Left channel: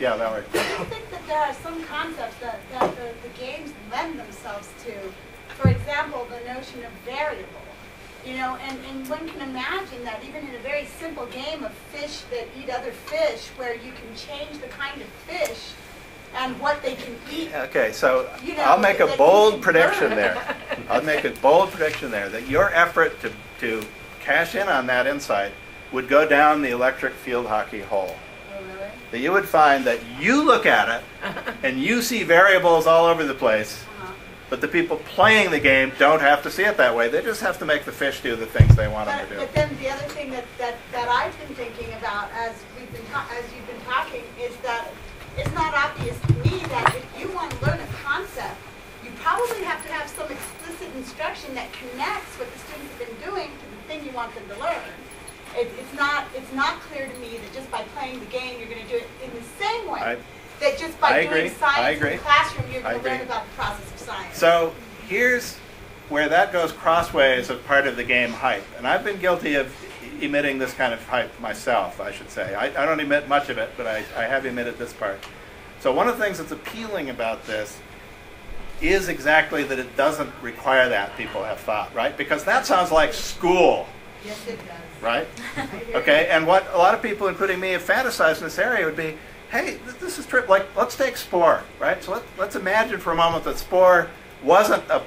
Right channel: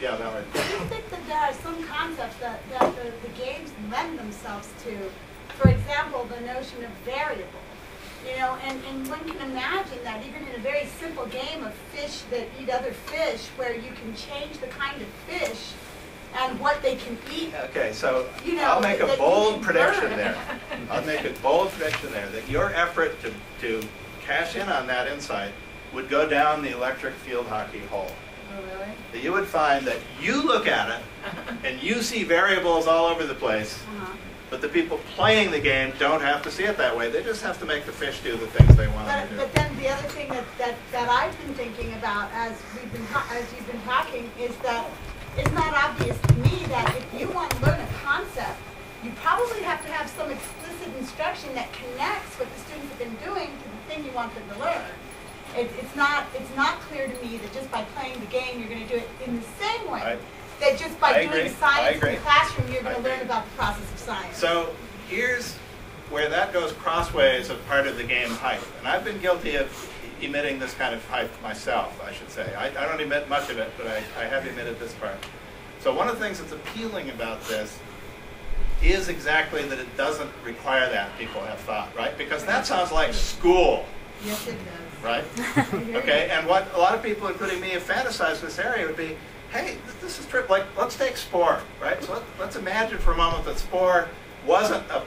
Yeah, that way. Do you think that there are some concepts that the games lend themselves to? For example, the notion of variable. You know, and one can imagine that even in a very simple game of fish that eat other fish, where you can change the kind of fish and what they can eat. Okay, so You know, I'll make a that bold you can prediction learn. there. I'll make a bold prediction there that your effort to cash in on that insight would go down the electric field hockey hole. Oh, really? That you would find that you look at it and you see variables all over the place, but the people playing the game don't have to see it that way. They just have to make the fish do the things they want them to do. But then the other thing that I've been thinking about as you've been talking is that it's not obvious to me that if you want to learn a concept, you probably have to have some explicit instruction that connects what the students have been doing to the thing you want them to learn. It's not clear to me that just by playing the game you're going to do it in the same way. That just by doing science in the classroom you're going to learn about the process of science. So here's where that goes crossways of part of the game hype. And I've been guilty of emitting this kind of hype myself, I should say. I don't emit much of it, but I have emitted this part. So one of the things that's appealing about this is exactly that it doesn't require that, people have thought, right? Because that sounds like school. Yes, it does. Right? Okay, and what a lot of people, including me, have fantasized in this area would be, hey, this is true. Like, let's take Spore, right? So let's imagine for a moment that Spore wasn't a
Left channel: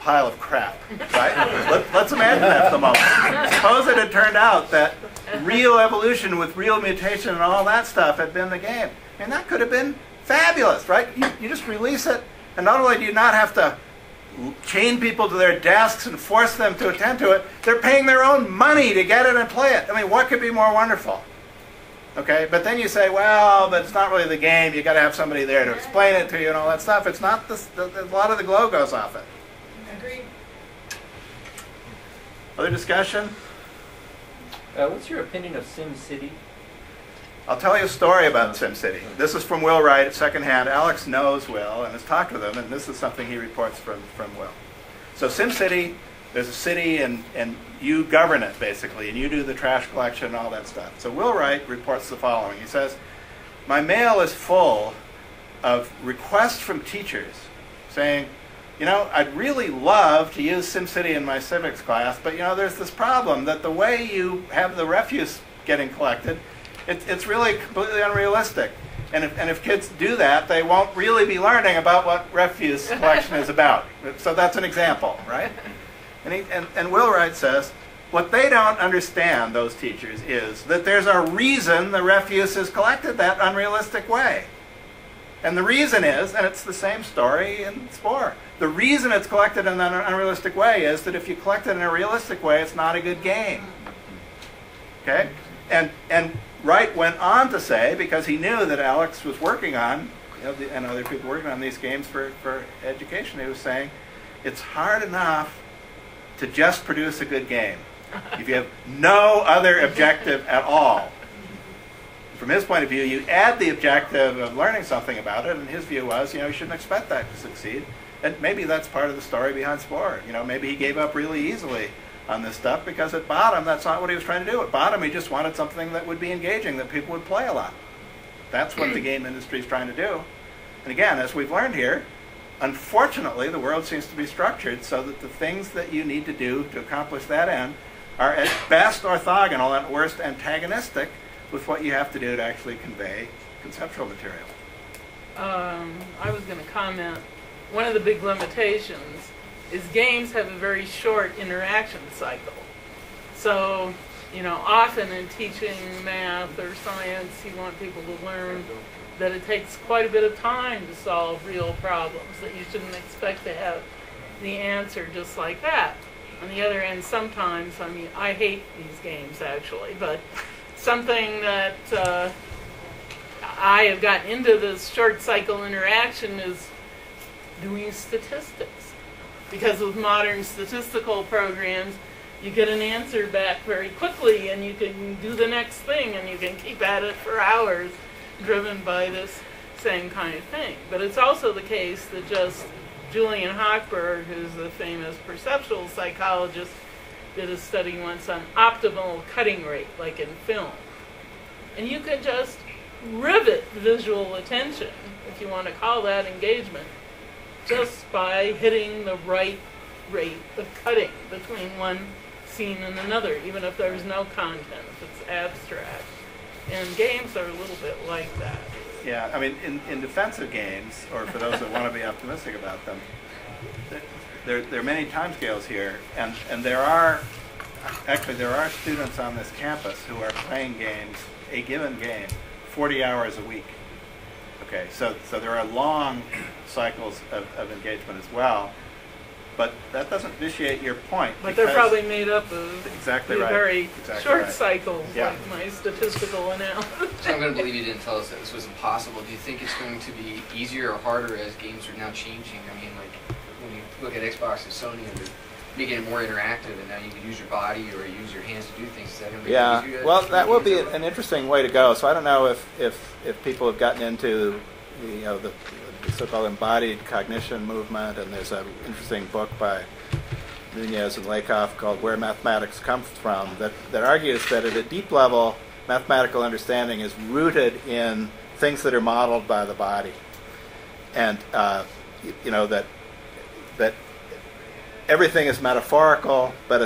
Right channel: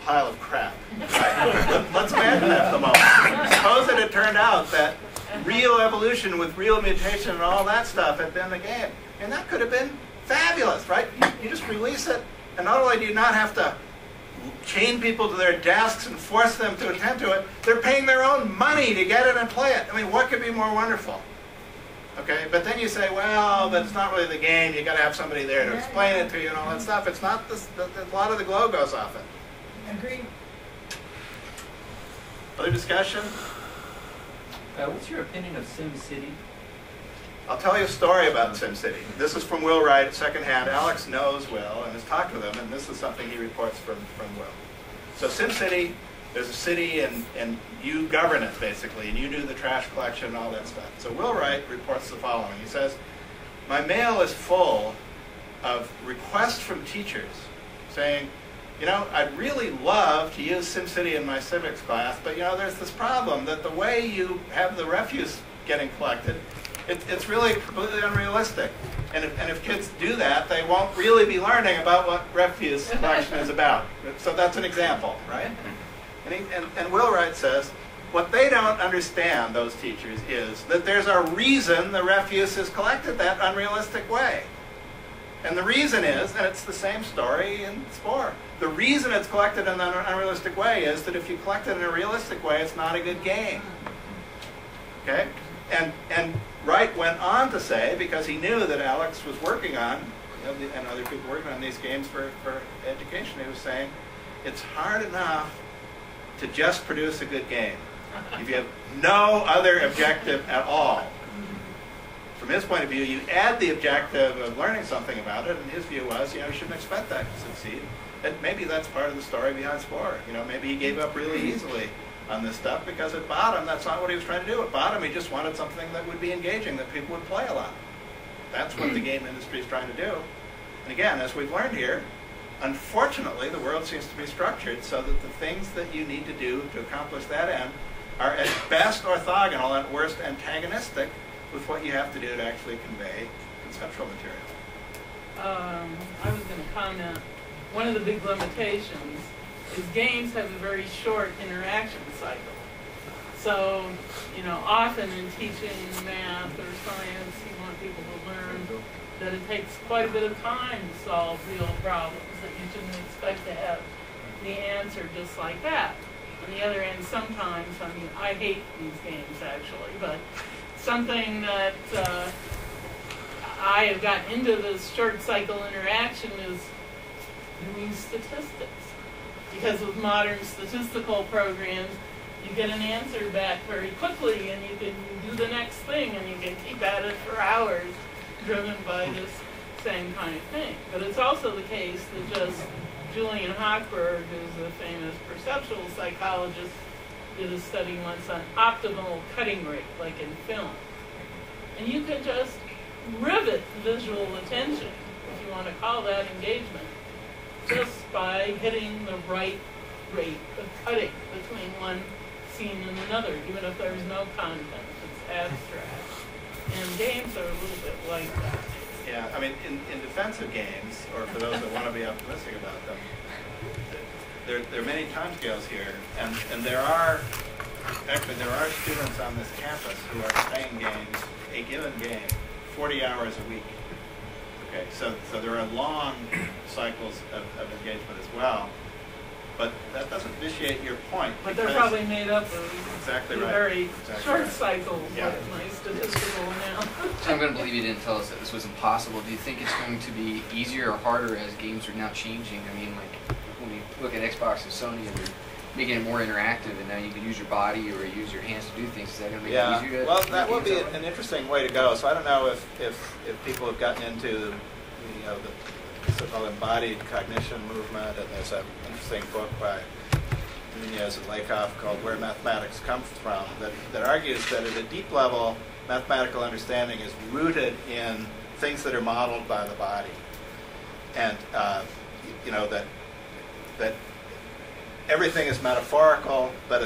pile of crap, right? Let's imagine that for a moment. Suppose it had turned out that real evolution with real mutation and all that stuff had been the game. And that could have been fabulous, right? You just release it, and not only do you not have to chain people to their desks and force them to attend to it, they're paying their own money to get it and play it. I mean, what could be more wonderful? Okay, but then you say, well, that's not really the game. You got to have somebody there to explain it to you and all that stuff. It's not this. A lot of the glow goes off it. Agreed. Other discussion? What's your opinion of SimCity? I'll tell you a story about SimCity. This is from Will Wright, secondhand. Alex knows Will and has talked with him, and this is something he reports from Will. So SimCity, there's a city, and you govern it, basically, and you do the trash collection and all that stuff. So Will Wright reports the following. He says, my mail is full of requests from teachers saying, you know, I'd really love to use SimCity in my civics class, but, you know, there's this problem that the way you have the refuse getting collected, it's really completely unrealistic. And if kids do that, they won't really be learning about what refuse collection is about. So that's an example, right? And Will Wright says, what they don't understand, those teachers, is that there's a reason the refuse is collected that unrealistic way. And the reason is, and it's the same story in Spore, the reason it's collected in an unrealistic way is that if you collect it in a realistic way, it's not a good game. Okay? And Wright went on to say, because he knew that Alex was working on, and other people working on these games for education, he was saying, it's hard enough to just produce a good game if you have no other objective at all. From his point of view, you add the objective of learning something about it, and his view was, you shouldn't expect that to succeed. And maybe that's part of the story behind Spore. Maybe he gave up really easily on this stuff because at bottom, that's not what he was trying to do. At bottom, he just wanted something that would be engaging, that people would play a lot. That's what the game industry is trying to do. And again, as we've learned here, unfortunately, the world seems to be structured so that the things that you need to do to accomplish that end are at best orthogonal and at worst antagonistic with what you have to do to actually convey conceptual material. I was going to comment, one of the big limitations is games have a very short interaction cycle. So, often in teaching math or science, you want people to learn that it takes quite a bit of time to solve real problems, that you shouldn't expect to have the answer just like that. On the other end, sometimes, I hate these games actually, but something that I have gotten into this short cycle interaction is doing statistics. Because with modern statistical programs, you get an answer back very quickly and you can do the next thing and you can keep at it for hours driven by this same kind of thing. But it's also the case that just Julian Hochberg, who's the famous perceptual psychologist, did a study once on optimal cutting rate, like in film. And you could just rivet visual attention, if you want to call that engagement, just by hitting the right rate of cutting between one scene and another, even if there's no content, if it's abstract. And games are a little bit like that. Yeah, I mean, in defense of games, or for those that want to be optimistic about them, there are many timescales here, and there are students on this campus who are playing games, a given game, 40 hours a week. Okay, so there are long cycles of engagement as well, but that doesn't vitiate your point. But they're probably made up of exactly a right. very exactly short right. cycle, Yeah. like my statistical analysis. So I'm going to believe you didn't tell us that this was impossible. Do you think it's going to be easier or harder as games are now changing? I mean, like, when you look at Xbox and Sony, they're making it more interactive, and now you can use your body or use your hands to do things. Is that going to make it easier? Well, to that will make be games that way? an interesting way to go. So I don't know if people have gotten into the so-called embodied cognition movement, and there's an interesting book by Nunez and Lakoff called Where Mathematics Comes From that argues that at a deep level, mathematical understanding is rooted in things that are modeled by the body. And, that everything is metaphorical, but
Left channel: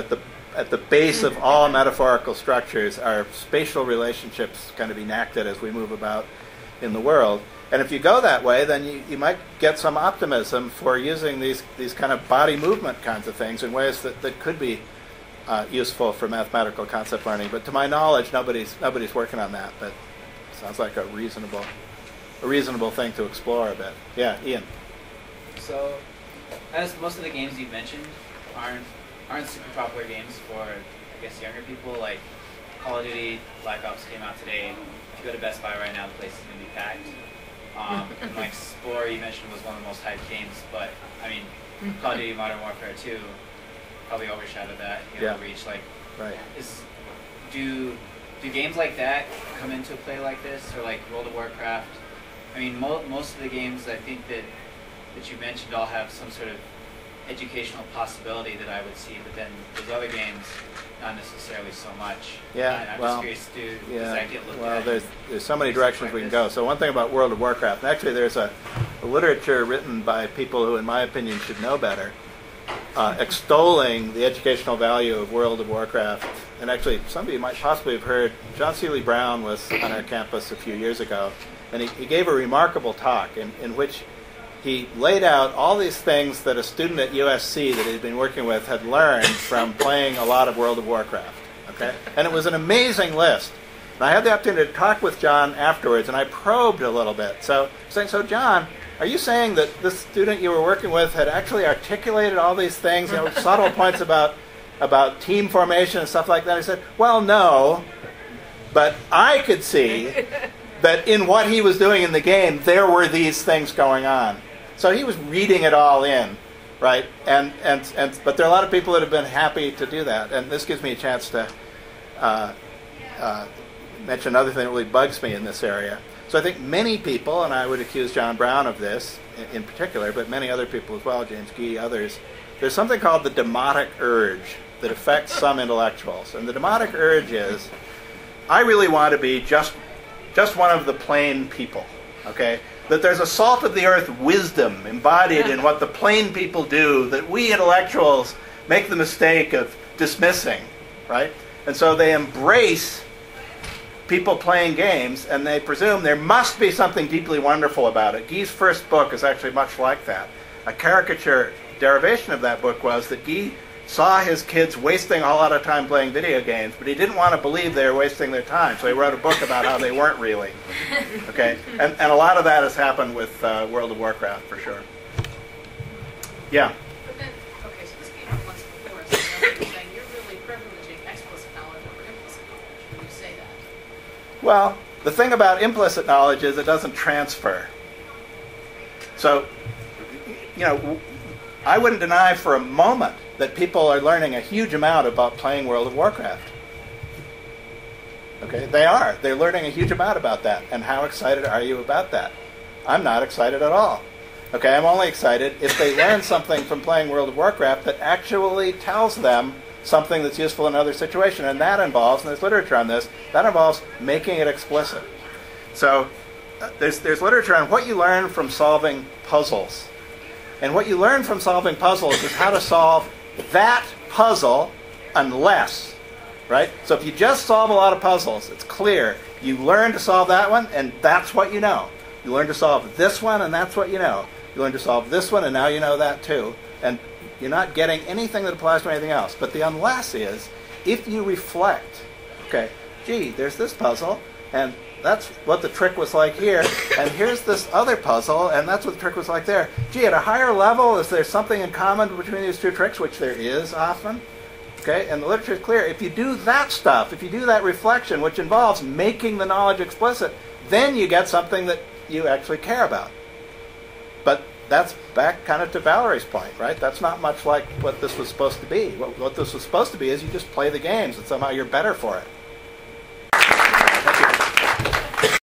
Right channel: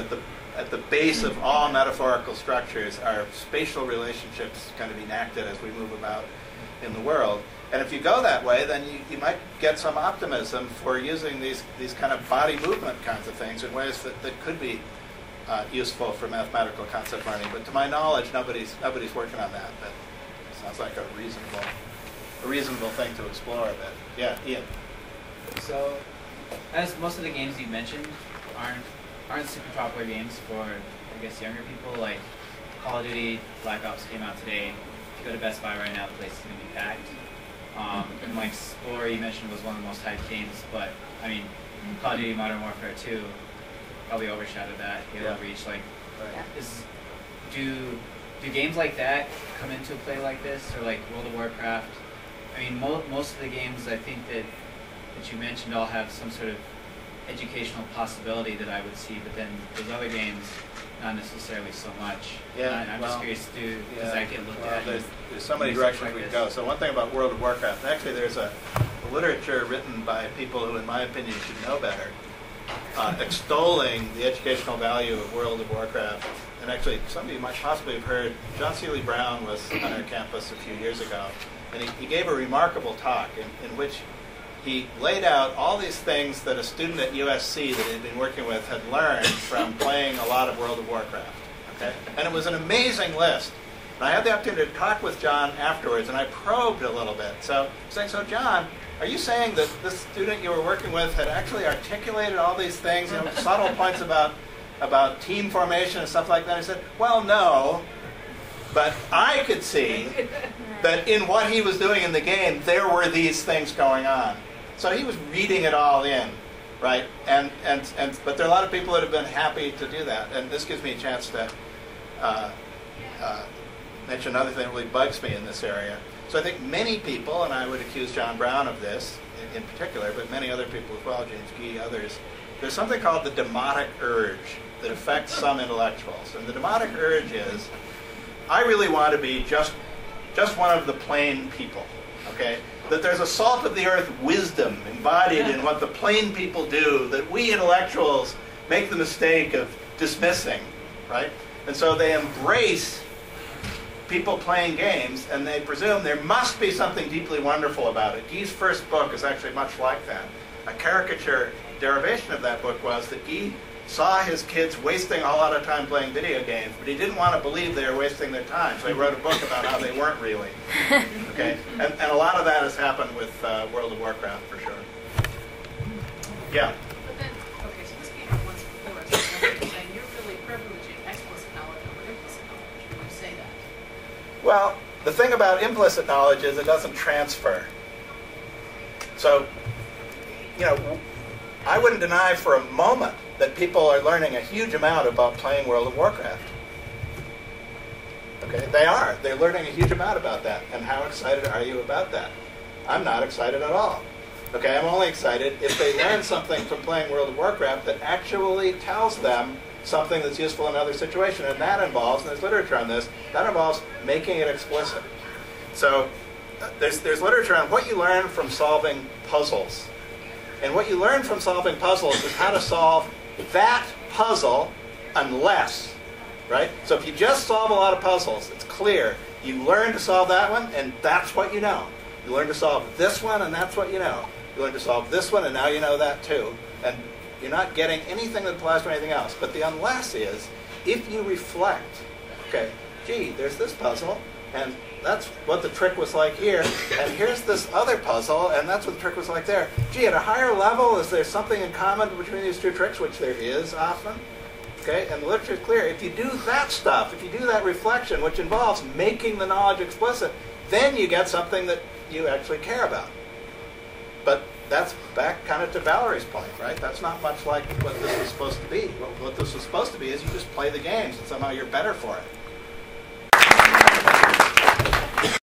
at the base of all metaphorical structures are spatial relationships kind of enacted as we move about in the world. And if you go that way, then you might get some optimism for using these kind of body movement kinds of things in ways that could be useful for mathematical concept learning. But to my knowledge, nobody's working on that. But it sounds like a reasonable thing to explore a bit. Yeah, Ian. So, as most of the games you mentioned aren't super popular games for, I guess, younger people, like Call of Duty, Black Ops came out today. If you go to Best Buy right now, the place is going to be packed. And like Spore, you mentioned, was one of the most hyped games, but I mean, Call of Duty Modern Warfare 2 probably overshadowed that. Halo Reach, like, Right. Do games like that come into a play like this, or like World of Warcraft? I mean, most of the games I think that you mentioned all have some sort of educational possibility that I would see, but then those other games, not necessarily so much. Yeah, I'm well, just curious, does that get looked at? There's so many research directions like we can this? go. So one thing about World of Warcraft, actually there's a literature written by people who, in my opinion, should know better, extolling the educational value of World of Warcraft. And actually, some of you might possibly have heard, John Seeley Brown was on our campus a few years ago, and he gave a remarkable talk in which he laid out all these things that a student at USC that he'd been working with had learned from playing a lot of World of Warcraft. Okay? And it was an amazing list. And I had the opportunity to talk with John afterwards, and I probed a little bit. So John, are you saying that this student you were working with had actually articulated all these things, subtle points about team formation and stuff like that? I said, well, no, but I could see that in what he was doing in the game, there were these things going on. So he was reading it all in, right? But there are a lot of people that have been happy to do that, and this gives me a chance to mention another thing that really bugs me in this area. So I think many people, and I would accuse John Brown of this in particular, but many other people as well, James Gee, others, there's something called the demotic urge that affects some intellectuals. And the demotic urge is, I really want to be just one of the plain people, okay? That there's a salt of the earth wisdom embodied in what the plain people do that we intellectuals make the mistake of dismissing, right? And so they embrace people playing games, and they presume there must be something deeply wonderful about it. Gee's first book is actually much like that. A caricature derivation of that book was that Gee saw his kids wasting a whole lot of time playing video games, but he didn't want to believe they were wasting their time, so he wrote a book about how they weren't really. Okay, and a lot of that has happened with World of Warcraft for sure. Yeah. But then, okay, so this came up once before, so that's you're saying you're really privileging explicit knowledge over implicit knowledge when you say that. Well, the thing about implicit knowledge is it doesn't transfer. So, I wouldn't deny for a moment that people are learning a huge amount about playing World of Warcraft. Okay, they are. They're learning a huge amount about that. And how excited are you about that? I'm not excited at all. Okay, I'm only excited if they learn something from playing World of Warcraft that actually tells them something that's useful in another situation. And that involves, and there's literature on this, that involves making it explicit. So there's literature on what you learn from solving puzzles. And what you learn from solving puzzles is how to solve that puzzle unless, right? So if you just solve a lot of puzzles, it's clear. You learn to solve that one, and that's what you know. You learn to solve this one, and that's what you know. You learn to solve this one, and now you know that too. And you're not getting anything that applies to anything else. But the unless is, if you reflect, okay, gee, there's this puzzle, and that's what the trick was like here, and here's this other puzzle, and that's what the trick was like there. Gee, at a higher level, is there something in common between these two tricks, which there is often? Okay, and the literature is clear. If you do that stuff, if you do that reflection, which involves making the knowledge explicit, then you get something that you actually care about. But that's back kind of to Valerie's point, right? That's not much like what this was supposed to be. What this was supposed to be is you just play the games, and somehow you're better for it.